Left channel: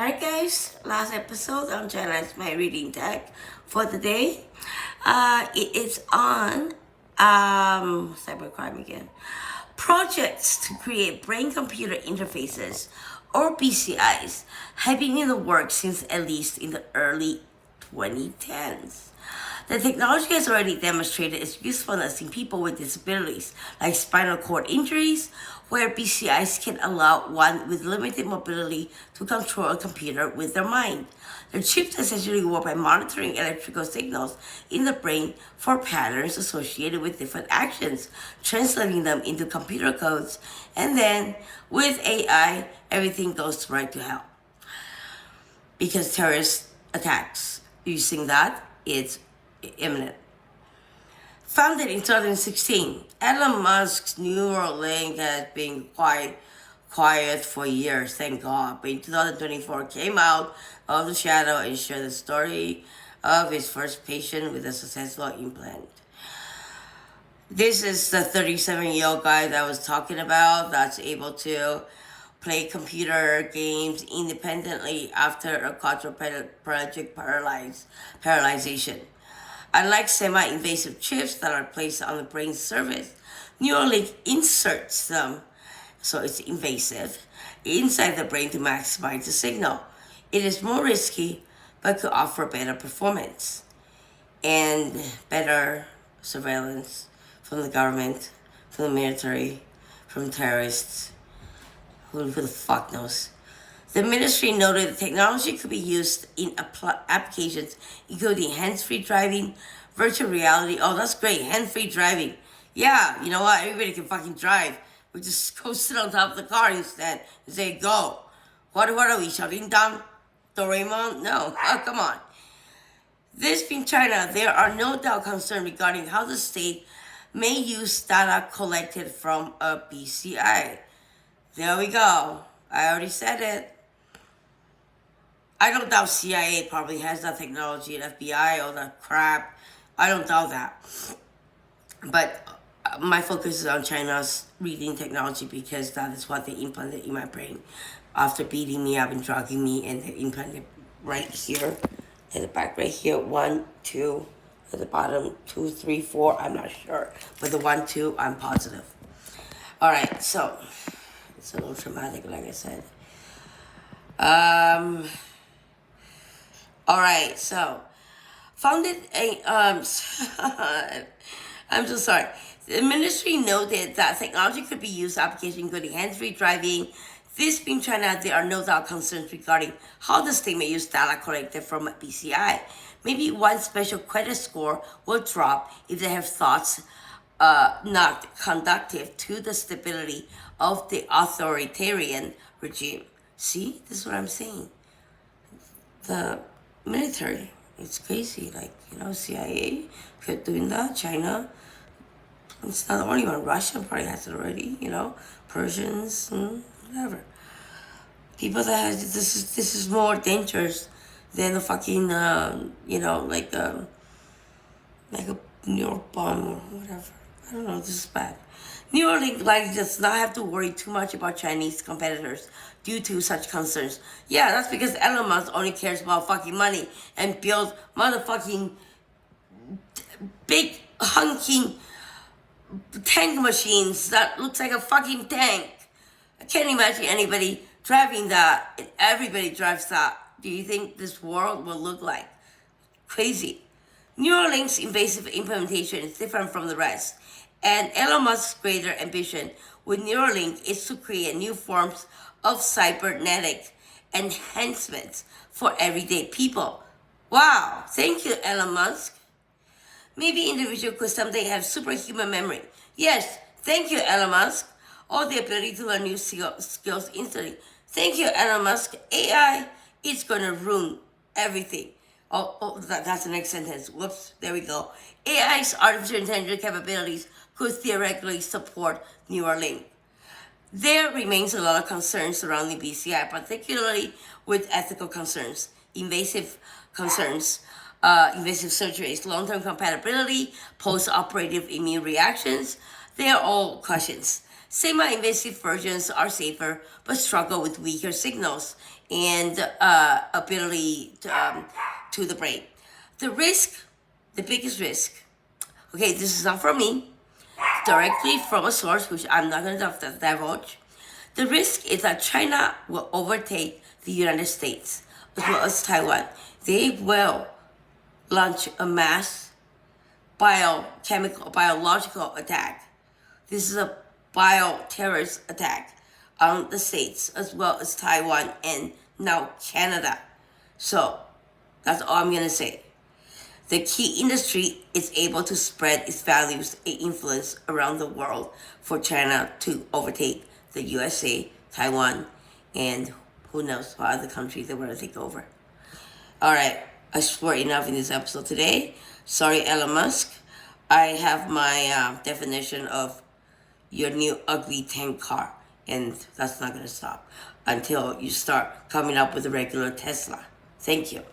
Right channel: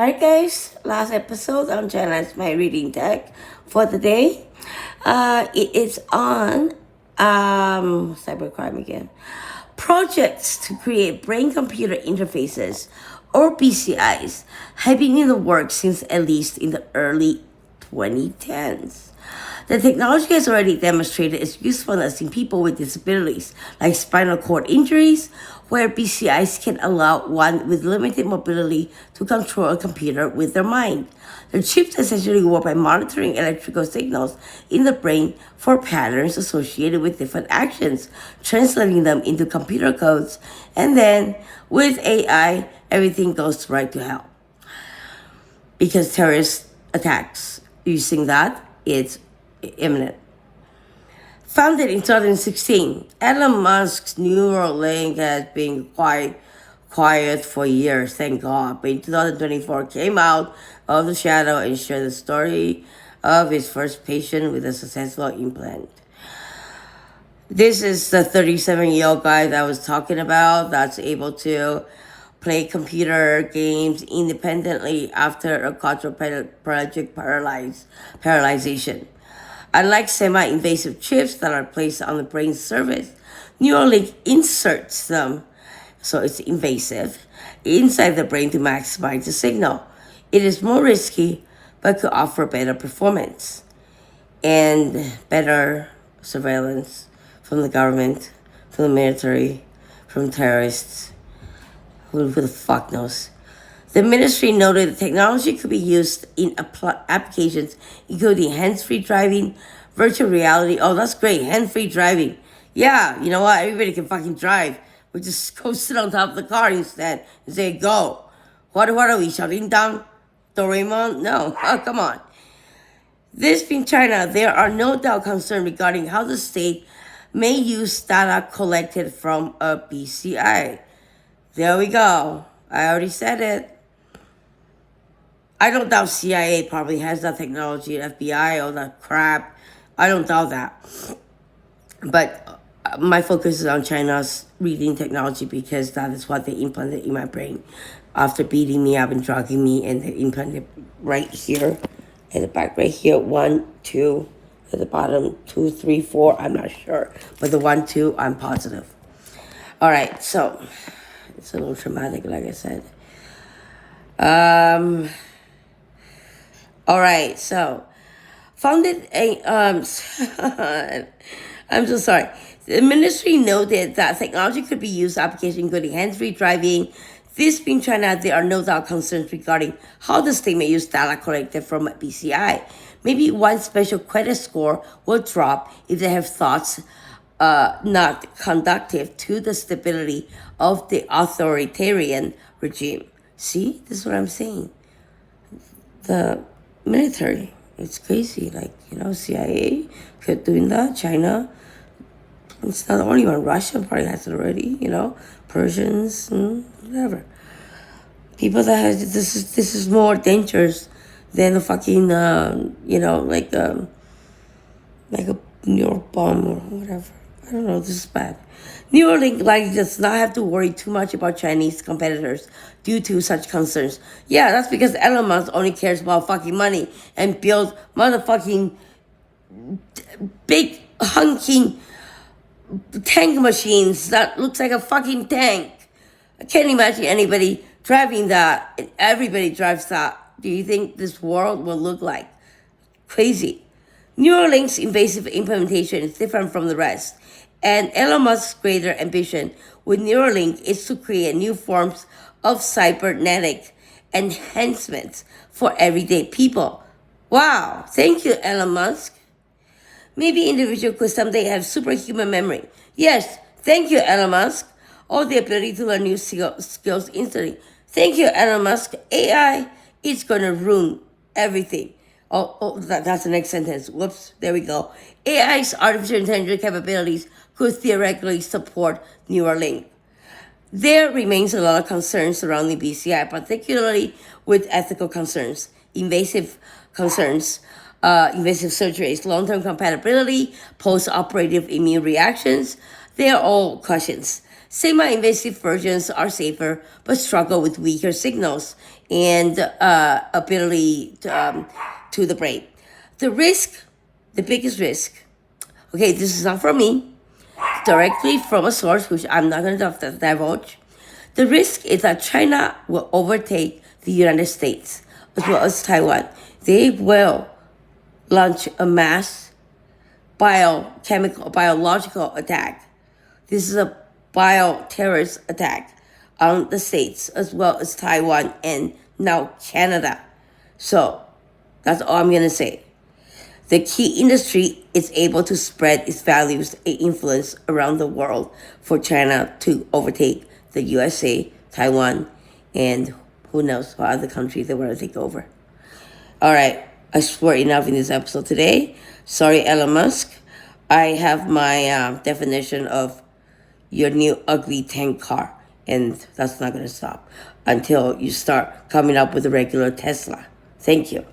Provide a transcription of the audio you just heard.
Alright guys, last episode on Jenna's my reading deck for the day. It is on Cybercrime again. Projects to create brain-computer interfaces, or BCIs, have been in the works since at least in the early 2010s. The technology has already demonstrated its usefulness in people with disabilities, like spinal cord injuries, where BCIs can allow one with limited mobility to control a computer with their mind. The chips essentially work by monitoring electrical signals in the brain for patterns associated with different actions, translating them into computer codes, and then, with AI, everything goes right to hell. Because terrorist attacks using that, it's imminent. Founded in 2016, Elon Musk's Neuralink has been quiet for years, thank God. But in 2024, came out of the shadow and shared the story of his first patient with a successful implant. This is the 37-year-old guy that I was talking about that's able to play computer games independently after a quadriplegic paralyzation. Unlike semi-invasive chips that are placed on the brain's surface, Neuralink inserts them, so it's invasive, inside the brain to maximize the signal. It is more risky, but could offer better performance and better surveillance from the government, from the military, from terrorists. Who the fuck knows? The ministry noted the technology could be used in applications including hands-free driving, virtual reality. Oh, that's great. Hands-free driving. Yeah, you know what? Everybody can fucking drive. We just go sit on top of the car instead and say, go. What are we, shutting down Doraemon? No. Oh, come on. This being China, there are no doubt concerns regarding how the state may use data collected from a BCI. There we go. I already said it. I don't doubt CIA probably has that technology, FBI, all that crap. I don't doubt that. But my focus is on China's reading technology because that is what they implanted in my brain after beating me up and drugging me, and they implanted right here at the back, right here. 1, 2, at the bottom, 2, 3, 4. I'm not sure. But the 1, 2, I'm positive. All right, so it's a little traumatic, like I said. All right, so founded a I'm so sorry. The ministry noted that technology could be used in applications including hands-free driving. This being China, there are no doubt concerns regarding how the state may use data collected from a BCI. Maybe one special credit score will drop if they have thoughts not conducive to the stability of the authoritarian regime. See, this is what I'm saying. The military, it's crazy. Like, CIA kept doing that. China, it's not the only one. Russia probably has it already. Persians, whatever. People that have this is more dangerous than a fucking like a New York bomb or whatever. I don't know. This is bad. Neuralink does not have to worry too much about Chinese competitors due to such concerns. Yeah, that's because Elon Musk only cares about fucking money and build motherfucking big hunking tank machines that looks like a fucking tank. I can't imagine anybody driving that. Everybody drives that. Do you think this world will look like? Crazy. Neuralink's invasive implementation is different from the rest, and Elon Musk's greater ambition with Neuralink is to create new forms of cybernetic enhancements for everyday people. Wow, thank you, Elon Musk. Maybe individuals could someday have superhuman memory. Yes, thank you, Elon Musk. Or the ability to learn new skills instantly. Thank you, Elon Musk. AI is going to ruin everything. That's the next sentence. Whoops, there we go. AI's artificial intelligence capabilities could theoretically support Neuralink. There remains a lot of concerns surrounding BCI, particularly with ethical concerns, invasive surgeries, long-term compatibility, post-operative immune reactions. They are all questions. Semi-invasive versions are safer, but struggle with weaker signals and ability to the brain. The risk, the biggest risk, okay, this is not from me, directly from a source, which I'm not going to divulge. The risk is that China will overtake the United States as well as Taiwan. They will launch a mass biological attack. This is a bioterrorist attack on the states as well as Taiwan and now Canada. So that's all I'm going to say. The key industry is able to spread its values and influence around the world for China to overtake the USA, Taiwan, and who knows what other countries they want to take over. All right, I swore enough in this episode today. Sorry, Elon Musk. I have my definition of your new ugly tank car, and that's not going to stop until you start coming up with a regular Tesla. Thank you.